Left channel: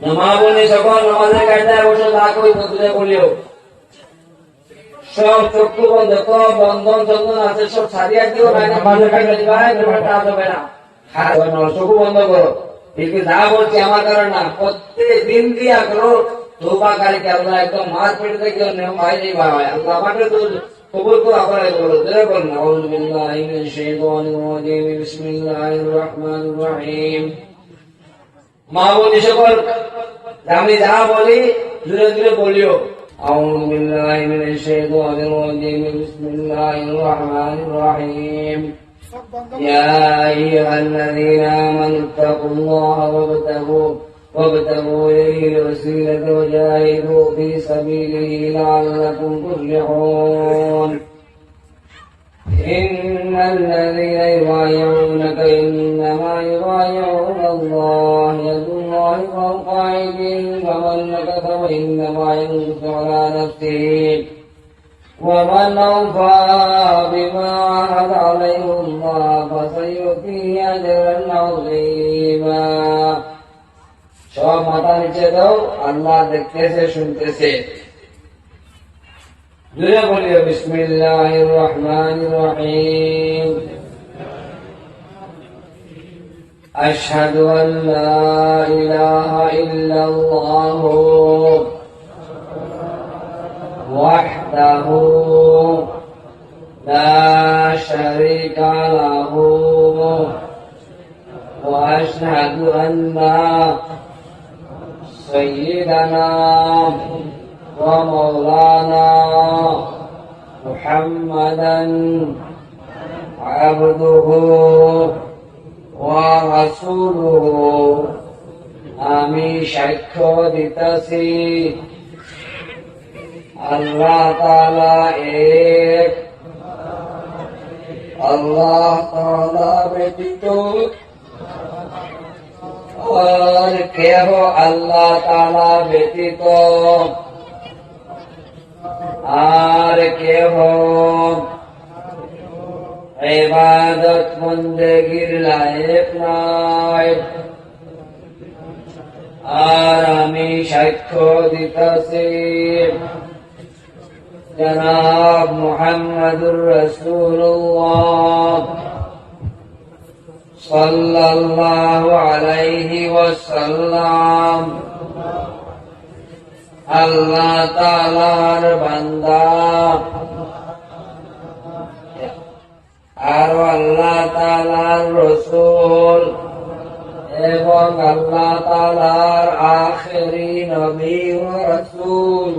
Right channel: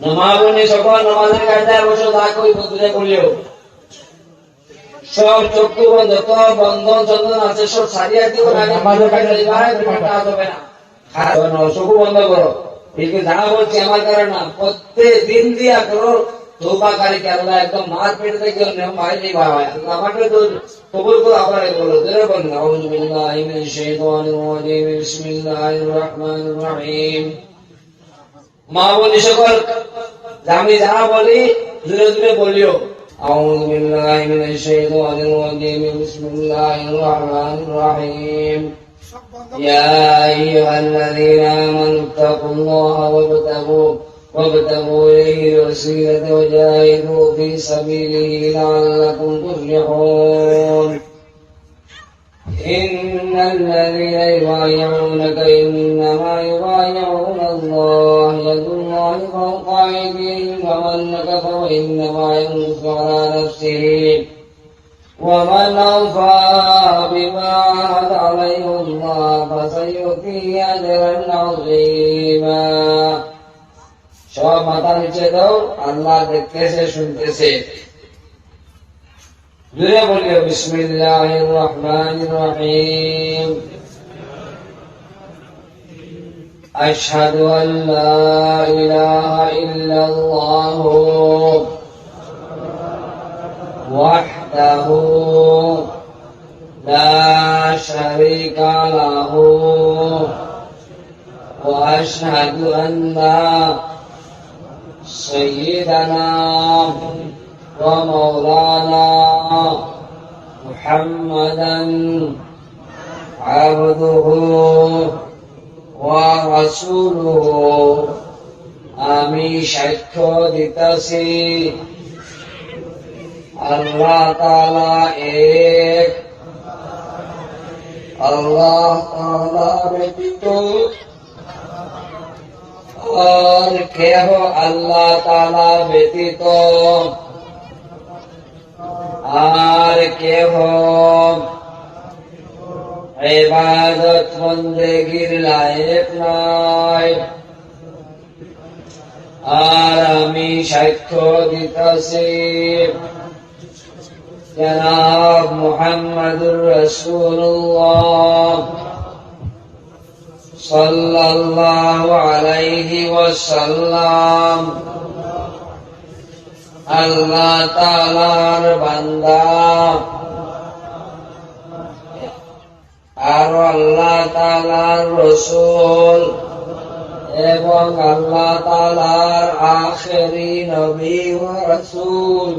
নামাবনে সকল নামাজের কায়দায় অবশ্য যা কই বদলে বলিও সব চক্ষু যত বন্ধন চন্দন আছে সব ছাড়িয়ে দিব না নামাজের কায়দা দিবাই কোনটা হবে না হ্যাঁ চক্ষু বন্ধ করো ঠিক যা বলছি আমার কারণ না প্রত্যেক দিন দিয়া করো তওবাকারীকে আল্লাহ একদম মার পেটে থেকে নিয়ম হয় নি ভাই আল্লাহ আমাকে তো কবুল তো আবার বলো জোরে বলুন আউযু বিল্লাহি মিনাশ শাইতানির রাজিম বিসমিল্লাহির রহমানির রহিম মা বলি সকল আমি যা বলি ধীরে ধীরে বলিও আউযু বিল্লাহি মিনাশ শাইতানির রাজিম বিসমিল্লাহির রহমানির রহিম يا أيها الذين آمنوا اتقوا الله وابتغوا إليه الوسيلة وجاهدوا في سبيله لعلكم تفلحون إن الذين يبايعونك إنما يبايعون الله يد الله فوق أيديهم فمن نكث فإنما ينكث على نفسه ومن أوفى بما عهد عليه الله فسيؤتيه أجرا عظيما সব মাথা নিচে দাও আল্লাহ দেখতেছে শুনতেছে জোরে বলিও বিসমিল্লাহির রহমানির রহিম আশহাদু আন লা ইলাহা ইল্লাল্লাহ ওয়াহদাহু লা শারীকা লাহু ওয়া আশহাদু আন্না سيدنا ومولانا محمدا عبده ورسوله আমি সাক্ষ্য দিতেছি আল্লাহ তাআলা এক আল্লাহ তাআলা ব্যতীত और केह अल्लाह ताला व्यतीत और केह इबादत बंदेगीर लायक नय और आमी साक्ष्य दिताছি जनाब मुहम्मदुर रसूलुल्लाह सल्लल्लाहु अलैहि वसल्लम अल्लाह ताआलार बांदा और अल्लाह ताआलार रसूल एवं अल्लाह ताआलार आखिरी नबी व रसूल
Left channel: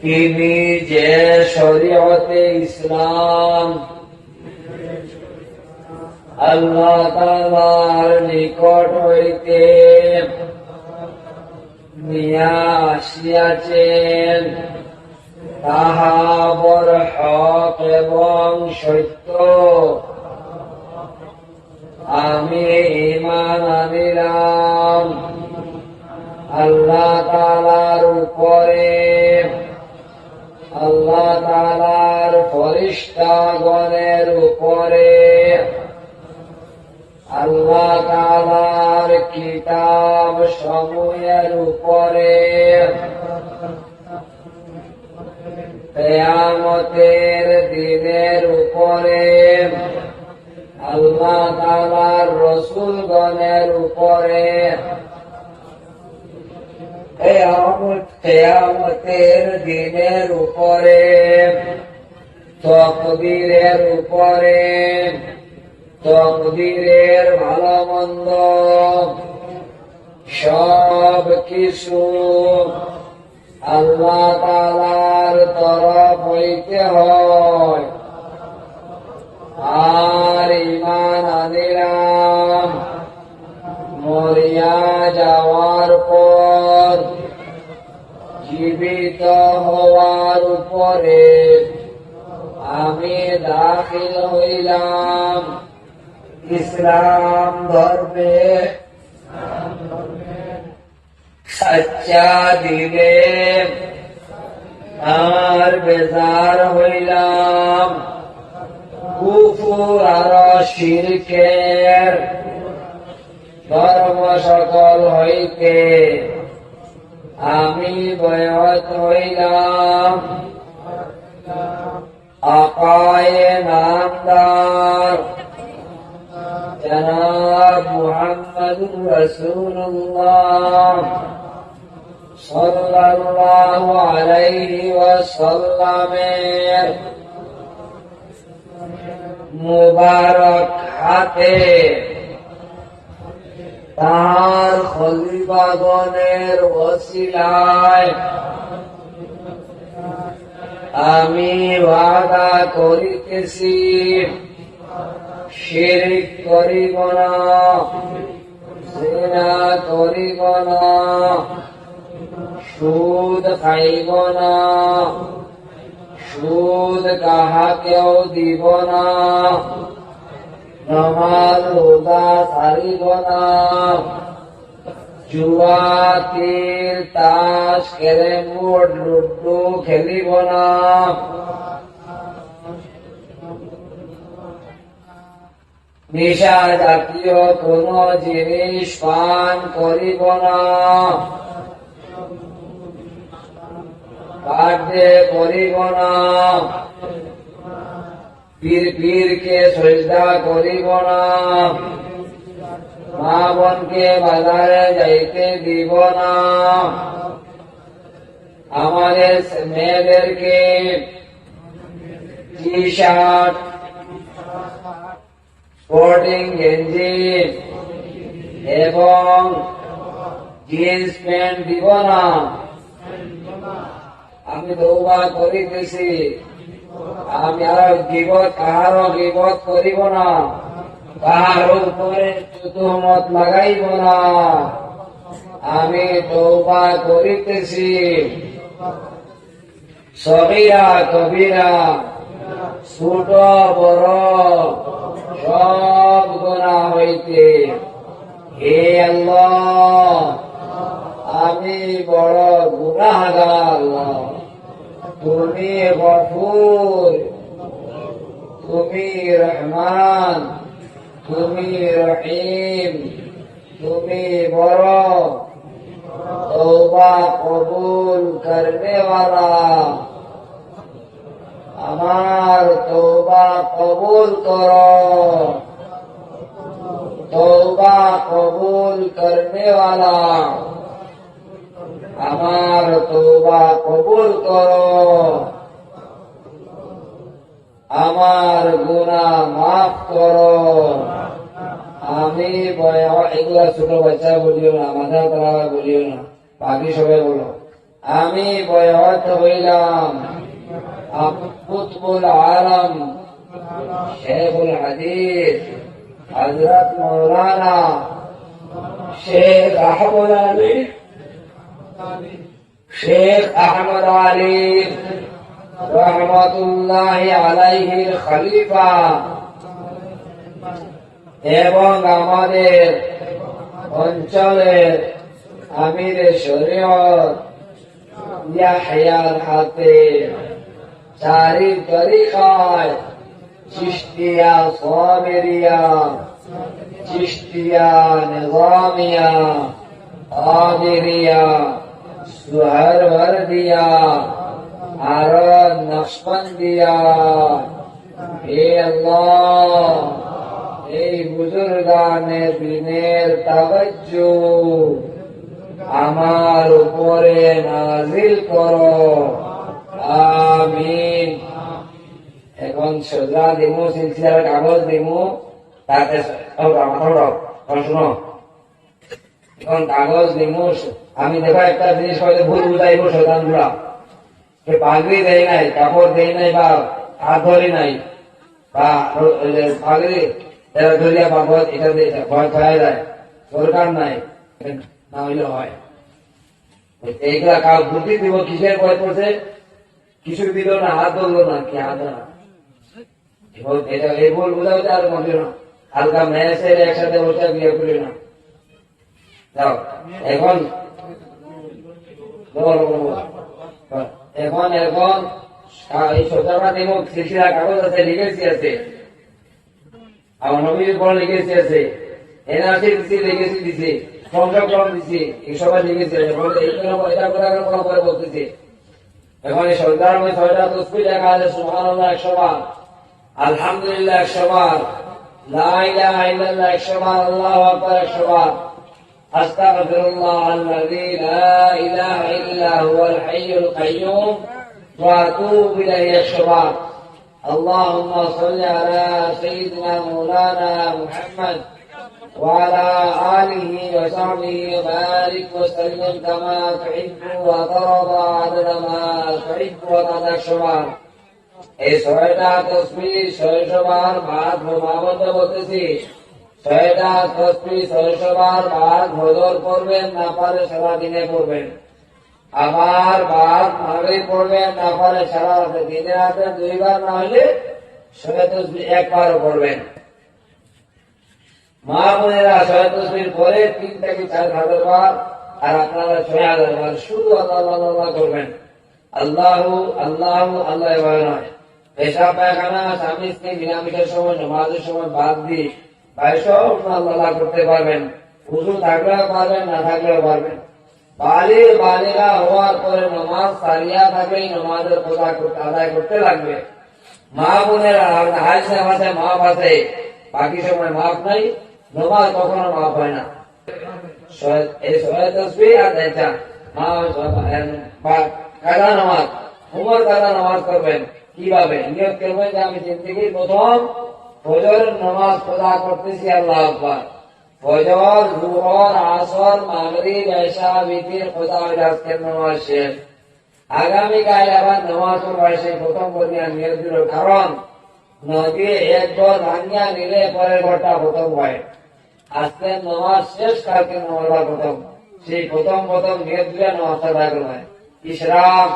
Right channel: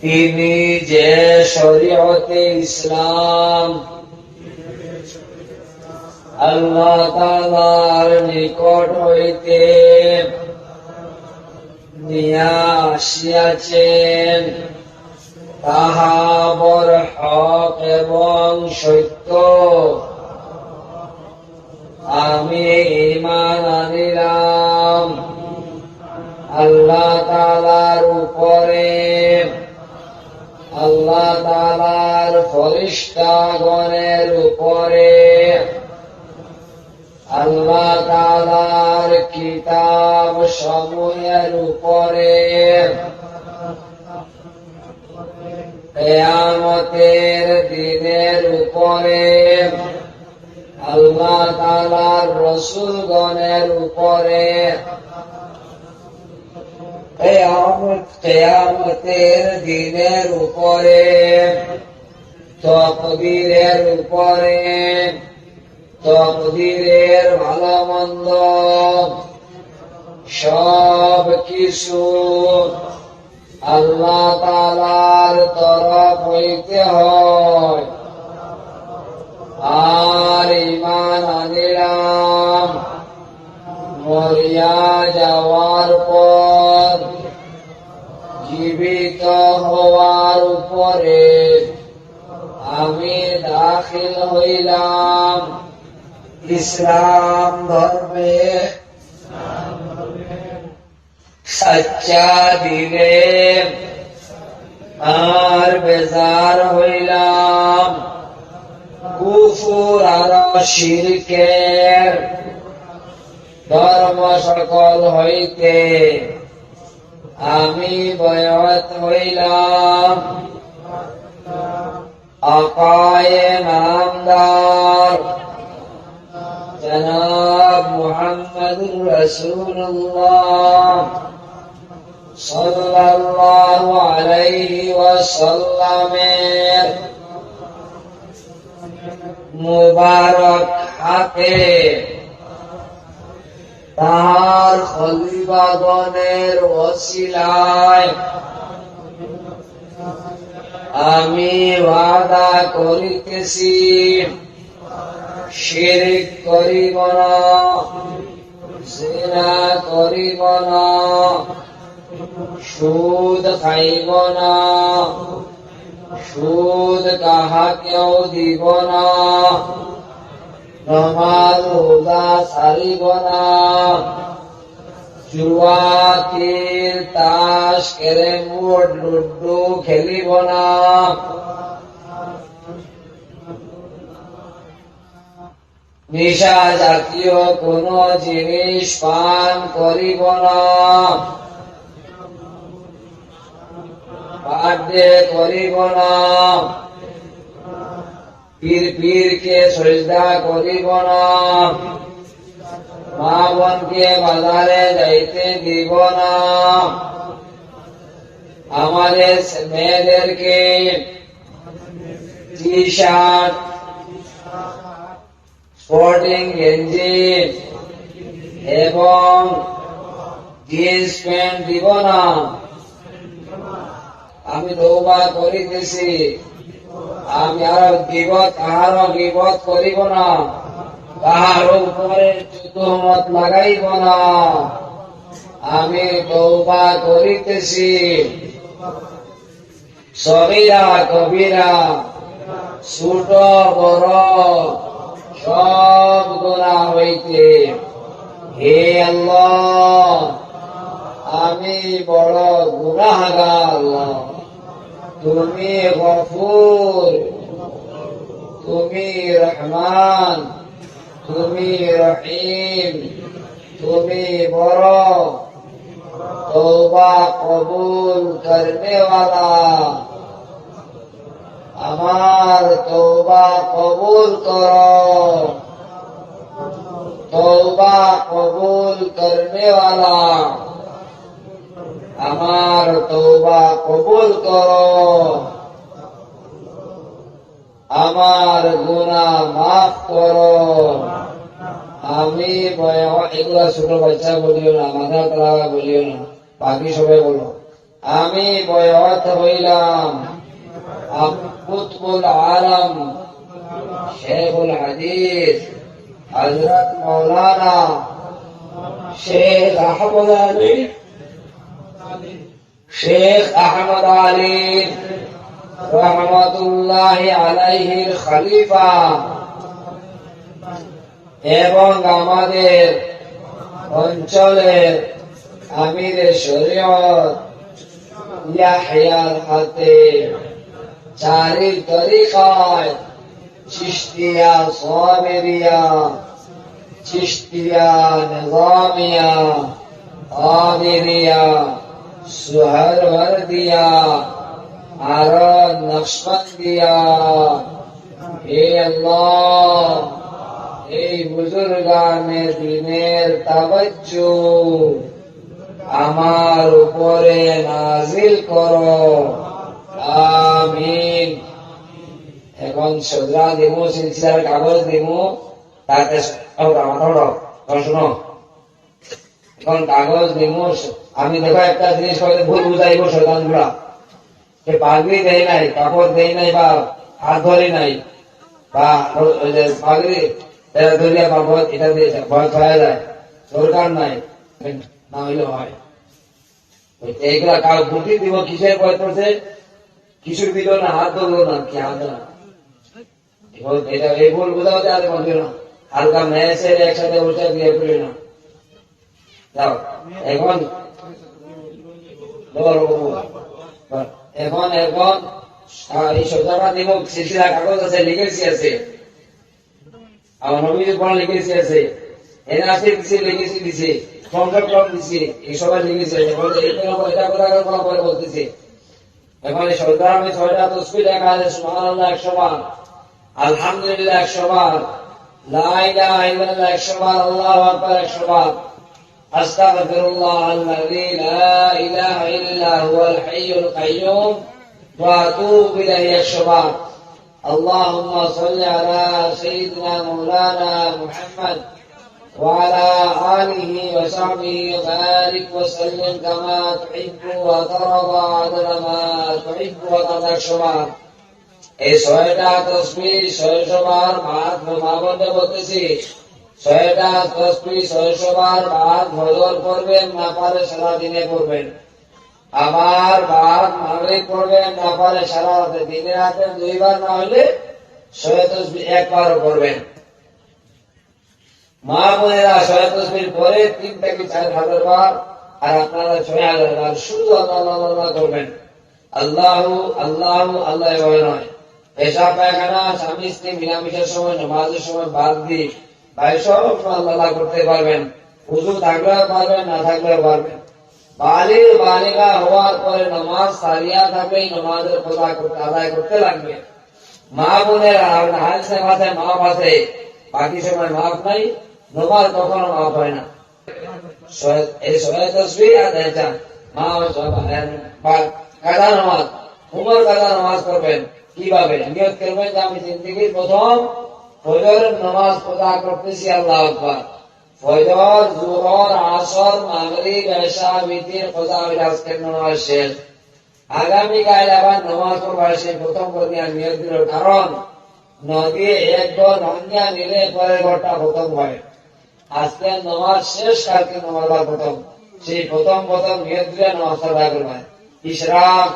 তিনি যে শরীয়তে ইসলাম আল্লাহ তাআলার নিকট হইতে নিয়া আসিয়াছেন তাহা বড় হক এবং সত্য আমি ঈমান আনিলাম আল্লাহ তাআলার উপরে আল্লাহ তাআলার ফেরেশতাগণের উপরে আল্লাহ তাআলার কিতাব সমূহের উপরে কিয়ামতের দিনের উপরে আল্লাহ তাআলার রাসূলগণের উপরে কিয়ামতের দিনের উপরে তাকদীরের উপরে তকদীরের ভালো মন্দ সব কিছু আল্লাহ তাআলার তরফ হইতে হয় আর ঈমান আনিলাম মরিয়া যাওয়ার পর জীবিত হওয়ার উপরে আমি দাখিল হইলাম ইসলাম ধর্মে সচ্চা দিলে আর বেজার হইলাম কুফর আর শিরকের ধর্ম সকল হইতে আমি বয়ত হইলাম আকায়ে নামদার জনাব মুহাম্মদুর রাসূলুল্লাহ সাল্লাল্লাহু আলাইহি ওয়াসাল্লামের মুবারক হাতে তাহার খলিফাগণের ওসিলায় আমি ওয়াদা করিতেছি শিরক করিব না, জিনা করিব না, সুদ খাইব না, সুদ কাহাকেও দিব না, নামাজ রোজা ছাড়িব না, জুয়া তীর তাস ক্যারেম বোর্ড লুডু খেলিব না, নেশা জাতীয় কোন জিনিস পান করিব না, বার্থডে করিব না, পীরকে সজদা করিব না, মা বোনকে বাজারে যাইতে দিব না, আমাদের মেয়েদেরকে টি শার্ট স্পোর্টিং গেঞ্জি এবং জিন্স প্যান্ট দিব না। আমি তওবা করিতেছি, আমি আর কাহারও গীবত করিব না, কাহার উপরে তুহমত লাগাইব না। আমি তওবা করিতেছি, সগীরা কবিরা ছোট বড় সব গুনাহ হইতে হে আল্লাহ আমি বড় গুনাহগার। তুমি গফুর, তুমি রহমান, তুমি রহিম, তুমি বড় तौबा कबूल करने वाला। আমার তওবা কবুল করো, তওবা কবুল করনে वाला। আমার তওবা কবুল করো, আমার গুনাহ মাফ করো। আমি এগুলা ছোট বাচ্চা বলিও না, মাথা খারাপ বলিও না, বাকি সবাই বলো আমি বয়ত হইলাম কুতুবুল আলম শেখুল হাদিস হযরত মাওলানা শেখ আহমদ আলী রহমতুল্লাহি আলাইহির খলিফা এবং আমাদের অঞ্চলের আমিরে শরীয়ত ইয়াহইয়ার হাতে চারি তরিকায় চিশতিয়া সাবেরিয়া, চিশতিয়া নিজামিয়া, কাদেরিয়া, সুহরওয়ার্দিয়া আর নকশবন্দিয়া। হে আল্লাহ এই বুজুর্গানে দিনের তাওয়াজ্জু আমার উপরে নাজিল করো, আমিন। এখন সদরা দিমু, সিলসিলার কাগজ দিমু, তাতে শুনো এখন কাগজ দিমু। আমি দেখো একটা জিনিস হয়তো ভুল বুঝাইব শয়তান গুলা, পাগড়ি দেয় নাই, কাপড় দেয় নাই, বা হাত ধরি নাই, বা পাগড়ি ধরিয়া পাবো, এটা দিয়ে ভয় খাওয়া যায়, দরকার নাই, না হইলে হয়। এইগুলা কাউ বুদ্ধি দিব, কিসের ভয় পড়ছে, কিছু দিল না, হাত ধরলো না, কি হাত না, এটা এই ভুল বোঝা হচ্ছে। আর মনে না হালকা মেয়ে ছেড়ে একসাথে ওটা দিয়ে বলি না, যাও এখন এখন এখন এই সজাটা দিব। সিলসিলা কাগজ আছে, লিখেছি আছে, আমার নবীর পড়া লিখেছি আছে, এনআরসি দিছি, লিখেছি দিছি, সংরক্ষণ দিছি, এই সবাই লিখেছে। এখন এটা করে কোনো পরে বলতেছি। এখন এই সরকার আমি 6টা তসবিহ লেখা আছে, সুবহানাল্লাহ 100 বার, আলহামদুলিল্লাহ 100 বার, লা ইলাহা ইল্লাল্লাহ 100 বার, আল্লাহু আকবার 100 বার, আস্তাগফিরুল্লাহ আল্লাযী লা ইলাহা ইল্লা হুয়াল হাইয়ুল কাইয়্যুম ওয়া আতুবু ইলাইহি 100 বার। আল্লাহুম্মা সাল্লি আলা সাইয়্যিদিনা মাওলানা মুহাম্মদ وعلى آله وصحبه وبارك وسلم كما تحب وترضى عدد ما تحب وترضى 100 বার। এই 6টা তসবিহ 600 বার ভাগ মহাবন্দে বলতেছি। 6টা তসবিহ 600 বার ভাগ হজর পড়বেন, না পারে সারা দিনে পড়বেন। আবার ভাগ মাগরিব পড়বেন, না পারে সারা রাতে, দিনে রাতে 2 বার, না হলে 6 তসবিহ 1 বারও পড়বেন। মা বোনেরা 6 তসবিহ পরে 3 থেকে 4,000 বার, আর আপনারা 6,000 বার শুধু আল্লাহ আল্লাহ করবেন। আল্লাহু আল্লাহু আল্লাহ নয়। পেশাব পায়খানা, স্বামী স্ত্রী মিলামিশের সময়, নামাজের সময় বাদ দিয়ে ভাই সব আল্লাহ করতে পারবেন। উযু থাকলেও পারবেন, না থাকলেও পারবেন। বালিগা হওয়ার পরে নামাজ সারিয়া থাকলেই নামাজের কথা আদায় করতে লাগবে। মা বোনেরা হাইসে মাসে মাপ আছে, বাকি সময় মাপ নাই, নামাজ কখনো মাপ হয় না। এই 6 তসবিহ আর এটা কাজা নামাজ, উমর কাজা নামাজ করবেন। কিভাবে নিয়ত করবেন যে আমি জিন্দেগির প্রথম ফজরের নামাজ আদা করতেছি, আল্লাহু আকবার। ফজর, যোহর, আসর, মাগরিব, ইশা, বিতির, কজা আজকের নামাজ শেষ। আগামীকাল আবার নামাজ পড়বা, সেই প্রথম পর্যায়ে নিয়ত দিল। কারণ নদী এক ঘর ভাঙিয়া নিলে পরের ঘরটা প্রথম হয়। আজকের নামাজ শেষ, কালকে নামাজটা প্রথম। সেই প্রথম নিয়ত দিয়ে নামাজটা আদায় করবেন। ইশরাক,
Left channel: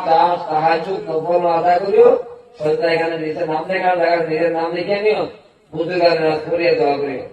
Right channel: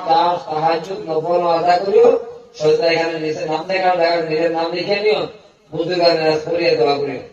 তাহাজ্জুদ, নফল আদায় করিও। সজদা এখানে নিচে নাম দেখা, নিজের নাম লিখে নিও, বুদ্ধি করে পড়িয়ে দোয়া করিও।